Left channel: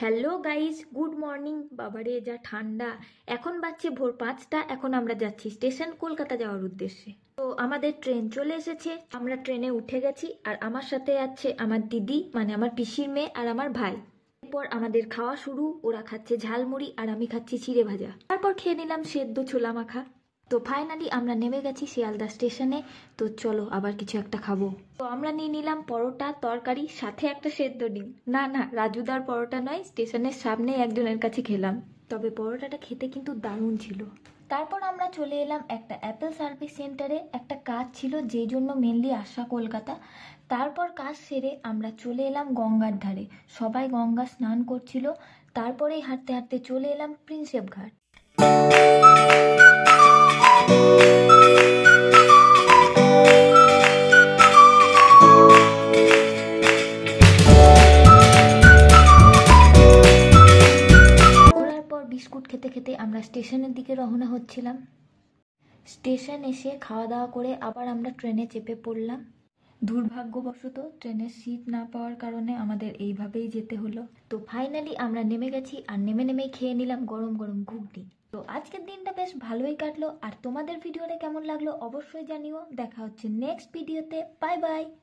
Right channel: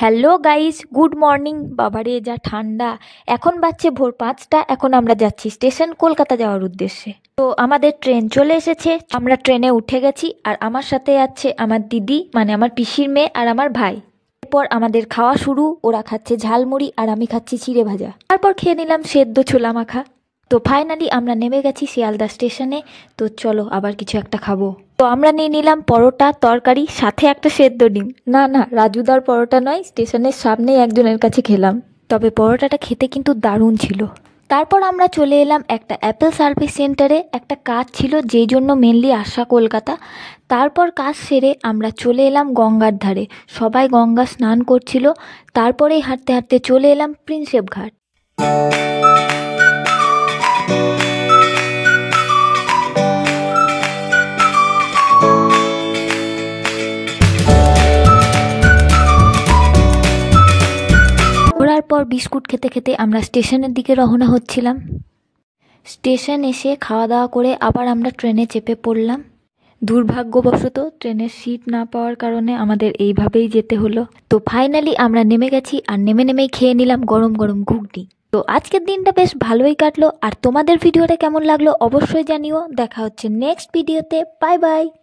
Hello guys, good morning. বাবারে যা ঠান্ডা! এখন বাজছে ভোর 5টা। এখন আমরা যাচ্ছি স্টেশন, কলকাতা যাওয়ার উদ্দেশ্যে। তো আমাদের ট্রেন চলে এসেছে, আমরা ট্রেনে উঠে গেছি। আর আমার সাথে আছে আমার দিদি, মানে আমার পিসির মেয়ে, আর আমার ভাই। এরপর আমাদের খাওয়া শুরু। ওরা খাচ্ছে ঝালমুড়ি আর আমি খাচ্ছি চিড়ে ভাজা। তারপর খেয়ে নিলাম সেদ্ধ ছোলা মাখা। তো ফাইনালি আমরা নেমে গেছি শিয়ালদা স্টেশনে। তো চলো আবার কিছু একটা খাবো। তো আমরা নিয়ে নিলাম পরোটা, তরকারি, সাথে একটা সেদ্ধ ডিম। না না, রাজুদার পরোটা নয়, স্টেশনের সামনেই একজনের কাছে খেলাম। তবে পরোটাটা খেতে কিন্তু দারুণ ছিল। তারপর আমরা চলে এলাম একটা অ্যাপেল সার্ভিস সেন্টারে। একটা কাজ ছিল, যেই জন্য মেনলি আসা কলকাতা। তারপর কাজ সেরে আমরা চলে এলাম গঙ্গার ধারে। সবাই গঙ্গা স্নান করছিল। তারপরেই হাঁটতে হাঁটতে চলে এলাম প্রিন্সেপ ঘাট। ঘোরার পর বিস্কুট খেতে খেতে আমরা স্টেশনের দিকে রওনা হচ্ছিলাম। স্টেশন এসে খাওয়া দাওয়া করে আবার আমরা ট্রেনে চেপে পড়লাম। দুর্ভাগ্যবশত ট্রেনের সিট না পাওয়ার কারণে আমাদের এইভাবেই যেতে হলো। তো ফাইনালি আমরা নেমে গেছি, আর নেমে নেমেই খেয়ে নিলাম গরম গরম ঘুগনি। তো আজকের দিনটা বেশ ভালোই কাটলো। আর তোমাদের ভিডিওটা কেমন লাগলো অবশ্যই জানিও। দেখা হচ্ছে নেক্সট ভিডিওতে। Bye bye.